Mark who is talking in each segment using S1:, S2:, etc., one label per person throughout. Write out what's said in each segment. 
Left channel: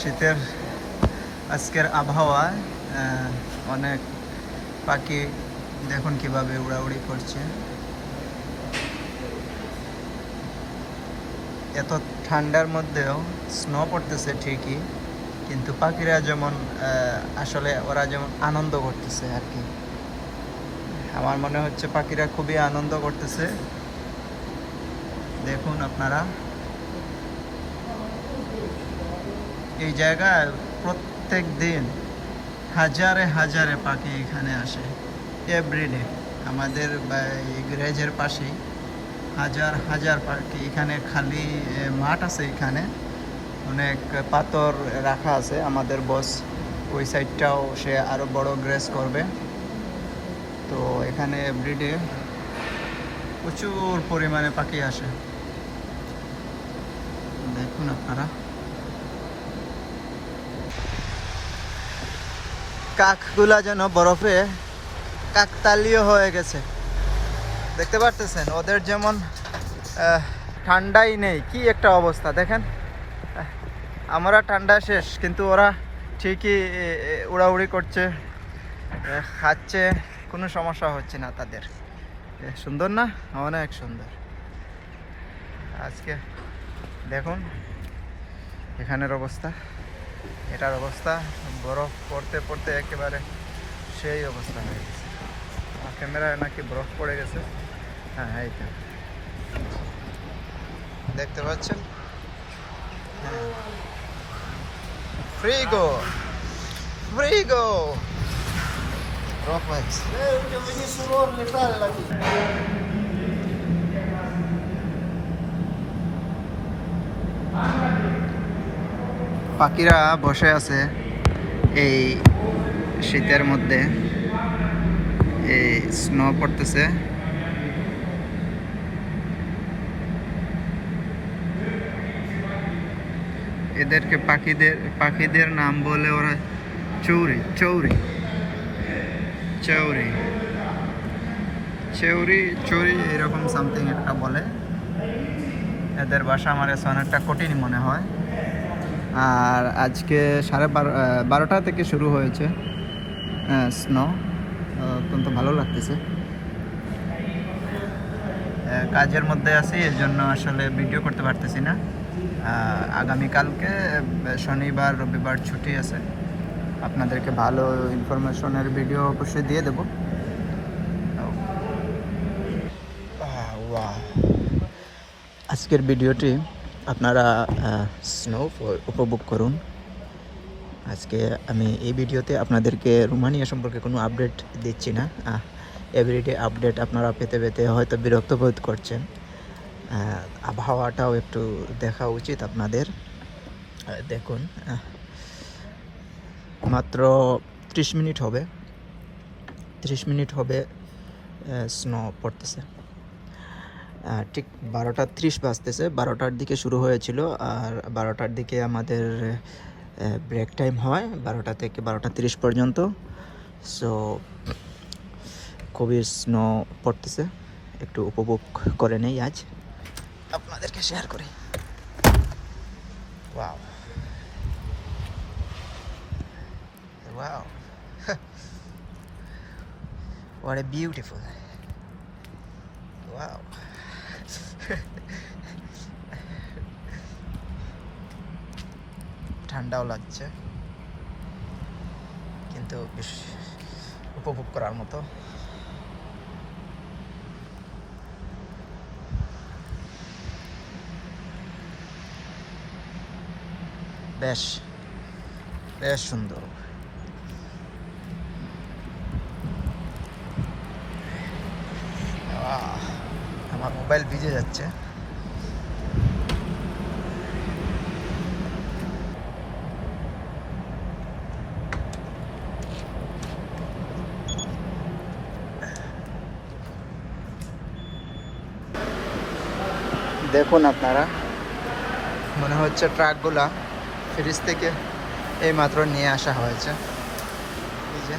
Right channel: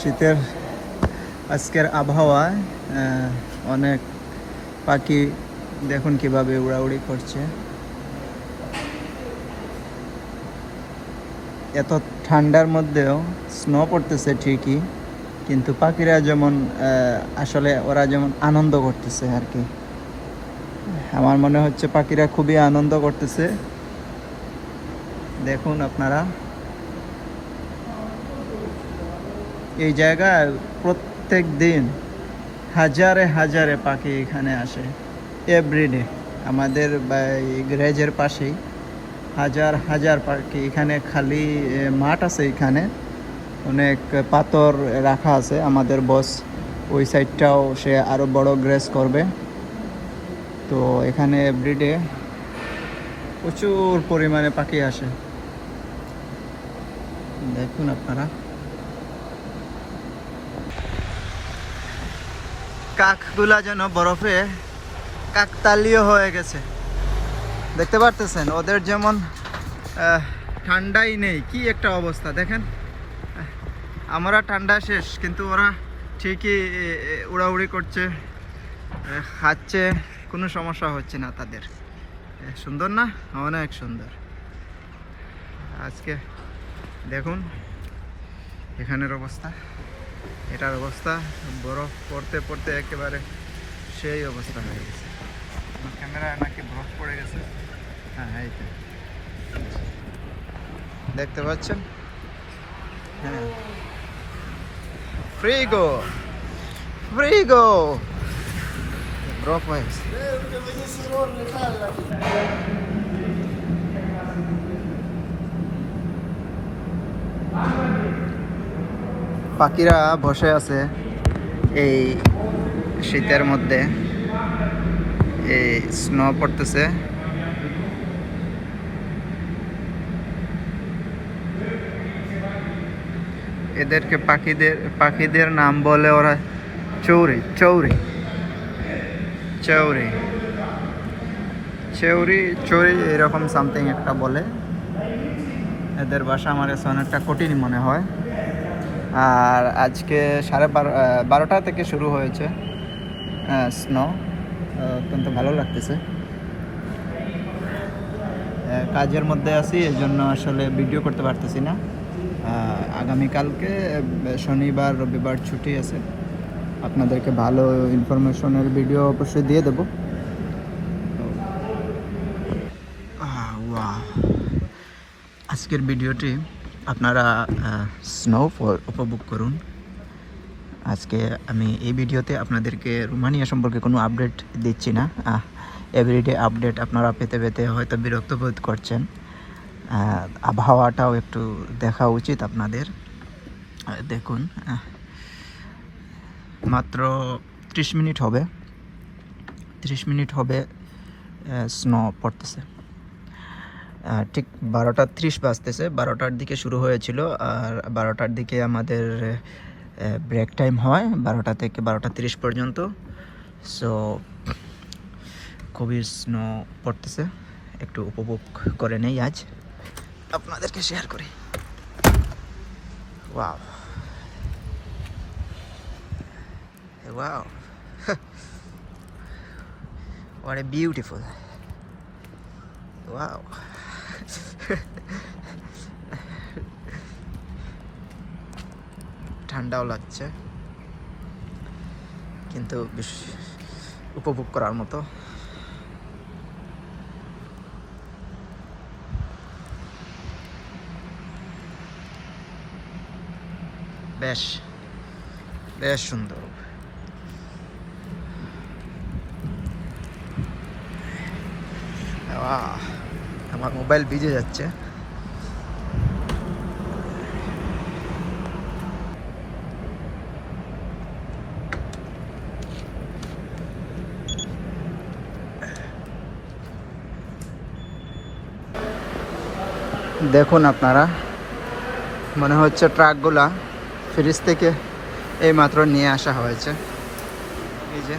S1: শীতের আজকের আবহাওয়ায় আহ, অনেক পাখি দেখুন কীভাবে উড়াউড়ি করছে। এত ঠান্ডার মধ্যেও স্নো পড়তেছে ঠিকই কিন্তু পাখিরা যেমন আসলে ওরা যেমন আনন্দ করতেছে আর কি। আমার মনে হচ্ছে পাখিরা খুবই আনন্দ করতেছে। দেখুন আপনারা। এই জায়গায় প্রত্যেক দিন হাজারে হাজারে পাখি এখানে আসে। এভরিডে আমাদের গ্যারেজের পাশেই হাজার হাজার পাখি এখানে খালি মাঠ আছে এখানে। অনেক পাথর রাখা আছে। আমাদের বস ওই সাইডটাও সে আরও বড় গ্রেস করবে। তো এখানে এভরিডে প্রচুর পরিমাণে পাখি আসে। দেখুন আপনারা। কাকগুলা যেন বরফে কাকতালীয় হয়ে গেছে। দেখতে পারতেছেন, ওদের যেমন ঠান্ডাই নেই। কি একটা অবস্থা, দেখেন। আমরা ঠান্ডা শেষ, কিন্তু ওরা ঠিকই উড়াউড়ি করছে খাচ্ছে, কোনো সমস্যা হচ্ছে না তাদের। সুন্দর না? অনেক সুন্দর। আজকে দেখুন, এখানের অবস্থা। এটার অবস্থা, বরফ পড়তে পড়তে একেবারে সেই অবস্থা হয়ে গেছে। আমার ক্যামেরায় নাকি বরফ পড়ে গেছে। হ্যাঁ এইটা দেখতে পাচ্ছেন? হ্যাঁ। ফ্রি গো ফ্রি গো বরফ হয়ে গেছে। পাখিরা বসে আছে এই শীতের মধ্যে। এই স্নো পড়তেছে। এদেরকে পাখিদের পাখিদের নাম বলে ওরা চৌরি চৌরি। চৌরি। চৌরি চৌরি এরকম সামথিং একটা বলে। এদের বাসা আমার কাছে অনেকটা কঠিন মনে হয়। আর আজকে সাড়ে বারো বারোটা থেকে শুরু হয়েছে। স্নো অত্যন্ত ভালো লাগতেছে। কাজের মধ্যে আছি, এর জন্য আসলে ভিডিও করতে পারতেছি না। আগামীকালকে শনিবার, রবিবার ছুটি আছে। আপনাদেরকে ভালো ইনফরমেশনের ভিডিও অবশ্যই দিয়ে দেবো. আজকের ভিডিওটি আপনারা স্নো উপভোগ করুন। আজকে আমি এই ভিডিওতে আপনাদেরকে রোমানিয়া সম্পর্কে কোনো আপডেট দিচ্ছি না। এভরিডে আপডেট আপনারা পেতে পেতে হয়তো বিরক্ত বোধ করছেন। আবহাওয়াটাও একটু দেখা উচিত আপনাদের। দেখুন মাত্র ত্রিশ মিনিট হবে। ত্রিশ মিনিট হবে স্নো পড়তেছে। ঠিক বারোটা ত্রিশ বাজতেছে। বারোটার দিকে শুরু হয়েছিল আর বারোটার দিকে আমাদের ব্রেক টাইম হয় বারোটা থেকে বারোটা তিরিশ পর্যন্ত। সো খুবই স্নো পড়তেছে। একটু উপভোগ করে নেই আজ। আপনাদেরকে শেয়ার করি। ওয়াও ওয়াও ঠান্ডাও লাগছে। কিন্তু উপভোগ করার মতো। বেশ বেশ সুন্দর। আমার মোবাইল ভিজে যাচ্ছে। দেখুন আপনারা, মনে হচ্ছে ট্রাকগুলা ফ্রিজ থেকে এই মাত্র নিয়ে আসা হয়েছে। এই যে,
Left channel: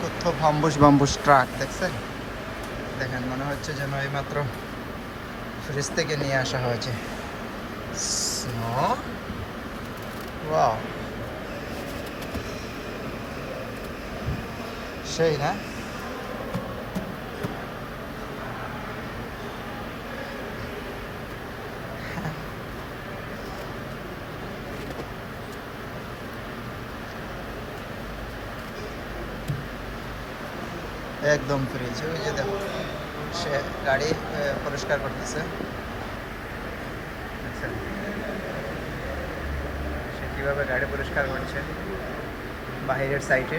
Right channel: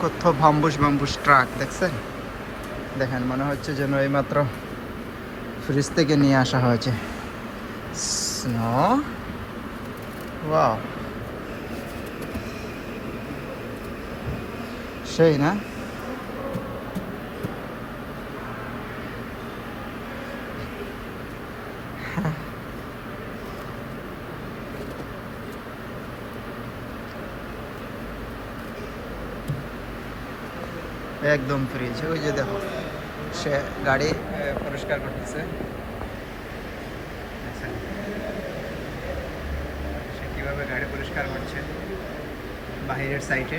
S1: কত বাম্বুস বাম্বুস ট্রাক, দেখছেন? দেখেন, মনে হচ্ছে যেন এইমাত্র ফ্রিজ থেকে নিয়ে আসা হয়েছে। স্নো ওয়াও সেই না? একদম ফ্রিজ, ওই যে দেখো। সে গাড়ি পরিষ্কার করতেছে। সে কীভাবে গাড়ি পরিষ্কার করছে? বাহিরের সাইডে।